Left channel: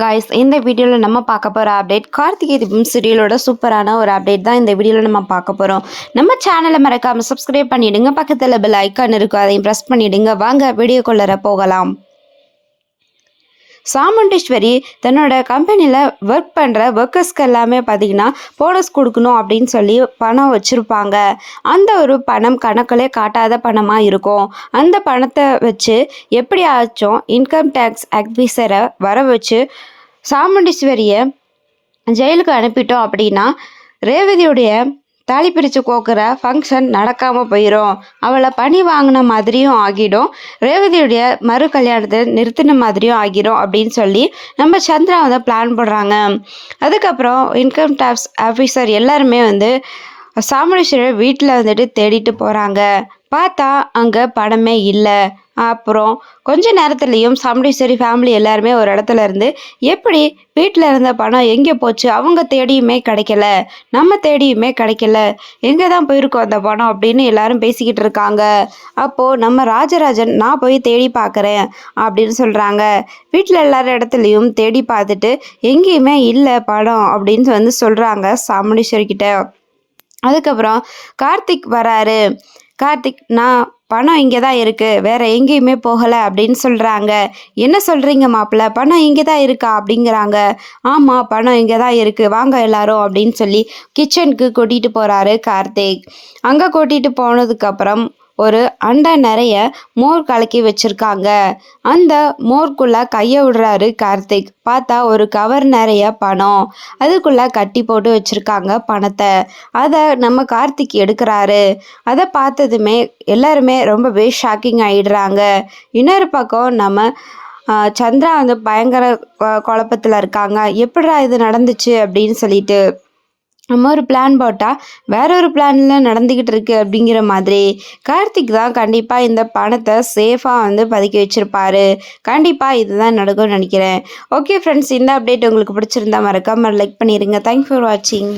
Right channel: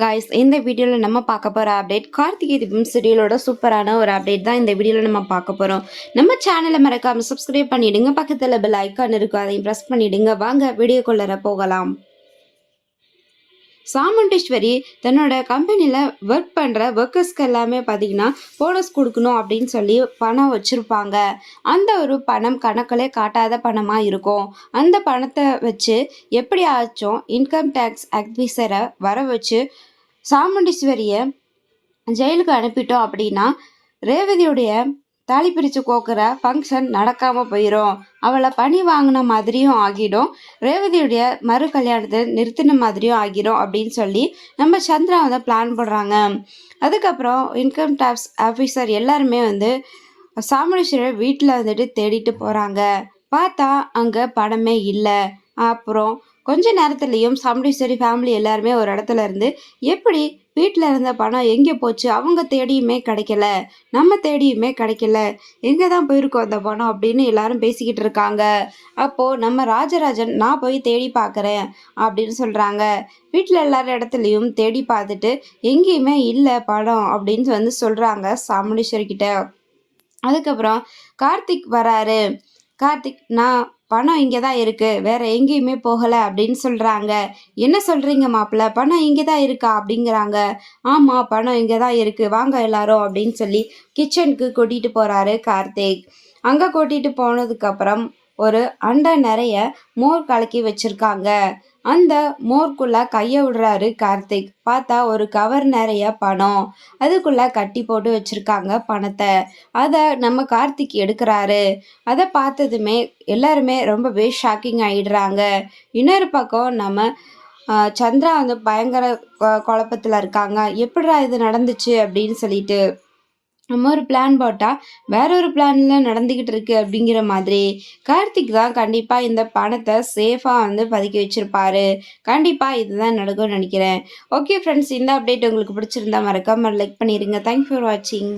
Guys, இந்த வீடியோவில் நம்ம பார்க்க போகிற அப்டேட் கார்த்திகை தீபம் சீரியலோட சூப்பரான ஒரு அப்டேட் தான் இந்த வீடியோவில் நம்ம பார்க்க போகிறோம். நம்ம சேனலை மறக்காமல் சப்ஸ்கிரைப் பண்ணிவிடுங்க. பக்கத்தில் பெல் ஐக்கான் இருக்கும், அதையும் ப்ரெஸ் பண்ணிவிடுங்க. வாங்க வீடியோக்குள்ளே போகலாம். சாமுண்டீஸ்வரி தன்னோட கம்பெனியில் ஒர்க் பண்ணுற ஒர்க்கர்ஸ்க்கு எல்லாமே பார்த்திங்கன்னா போனஸ் கொடுக்கணும் அப்படின்னு சொல்லி பணம் வச்சுருப்பாங்க. அந்த ஒரு பணம் கணக்கிலே காட்டாத பணமாக இருக்கும். அந்த பணத்தை வச்சு எப்படியாச்சும் இன்கம் டேக்ஸ் ஆஃபீஸரை வர வச்சு சாமுண்டீஸ்வரியை ஜெயிலுக்கு அனுப்பிட்டோம் அப்படின்னா ரேவதியுடைய தாலி பிரித்து கோக்குற ஃபங்க்ஷன் நடக்காமல் போயிடும். அவளை பணி வாங்கின மாதிரியும் ஆகிடும், ரேவதியுடைய மறு கல்யாணத்தை நிறுத்தின மாதிரியும் ஆகிடும் அப்படின்னு சொல்லி நம்ம சந்திரா வந்து பிளான் போடுறாங்க. அதுக்கப்புறம் இன்கம் டேக்ஸ் ஆஃபீஸர் எல்லாருமே வந்து சாமுண்டீஸ்வரி வீட்டில் வந்துட்டு தேடிட்டு போகிறாங்க. பார்த்தா அங்கே பணமே இல்லை. அப்புறம் கொஞ்ச நேரத்துலேயும் சாமுண்டீஸ்வரி ஃபேமிலி எல்லாருமே ஒரு இடத்துல இருந்து எப்படி வீட்டில் இருந்த பணம் எங்கே போச்சு, அவங்க தேடியுமே கிடைக்கல, நம்ம தேடியுமே கிடைக்கல, எங்கே தான் போயிருக்கோம் அந்த பணம் அப்படின்னு எல்லாரும் பேசிக்கிட்டு இருக்காங்க. அப்போது நம்ம ராஜராஜன் நான் போய் தேடி பார்க்குறேன் அப்படின்னு சொல்கிறாங்க. வீட்டில் எல்லாரும் இடத்துலையும் தேடி பார்த்துட்டு எங்கேயுமே இல்லை பணம் அப்படின்னு வந்து சொல்கிறாங்க சாமுண்டீஸ்வரி கிட்ட. அதுக்கப்புறம் கார்த்திக் வராரு. கார்த்திக் நான் பணம் இங்கே தான் இருக்குது, வேறு எங்கேயுமே போகலை அப்படின்னு சொல்கிறாங்க. என்ன சொல்கிறீங்க மாப்பிள்ள, பணம் இங்கே தான் இருக்கா அப்படிங்கிறாங்க. ஆமாம், பணம் இங்கே தான் இருக்குது, வாங்க எல்லாரும் அப்படின்னு சொல்லி கிச்சனுக்கு கூட்டிகிட்டு போகிறாரு கார்த்திக். அங்கே கூட்டிகிட்டு போனதுக்கப்புறம் ஒரு அண்டை நிறைய மோர் கலக்கி வச்சுருக்காங்க. அந்த மோர்க்குள்ளே கையை விடுறாரு கார்த்திக். பார்த்தா ஒரு கவர் நிறைய பணம், அதுக்குள்ளே கட்டி போட்டு வச்சுருக்காங்க பணத்தை. அதை நம்ம கார்த்திக் எடுக்கிறாரு. அதை பார்த்ததுமே எல்லாருமே ரொம்பவே ஷாக்கிங் ஆகிடுறாங்க. இன்னொரு பக்கம் நம்ம சந்திரா வந்து பயங்கர குழப்பத்தில் இருக்காங்க. எப்படிடா இது நடந்துச்சு அப்படின்னு சொல்லிட்டு நம்ம ஒரு பிளான் போட்டால் வேற ஒரு பிளானில் நடந்துக்கிட்டு இருக்கு அப்படிங்கிற மாதிரி கார்த்திக் தான் கண்டிப்பாக இந்த பணத்தை சேஃபாக வந்து பதுக்கி வச்சுருப்பாரு. கண்டிப்பாக இதுதான் நடக்கும்னு நினைக்கிறேன். ஓகே ஃப்ரெண்ட்ஸ், இந்த அப்டேட் உங்களுக்கு பிடிச்சிருந்தா மறக்காமல் லைக் பண்ணிடுங்க. தேங்க்ஸ் ஃபார் வாட்சிங்.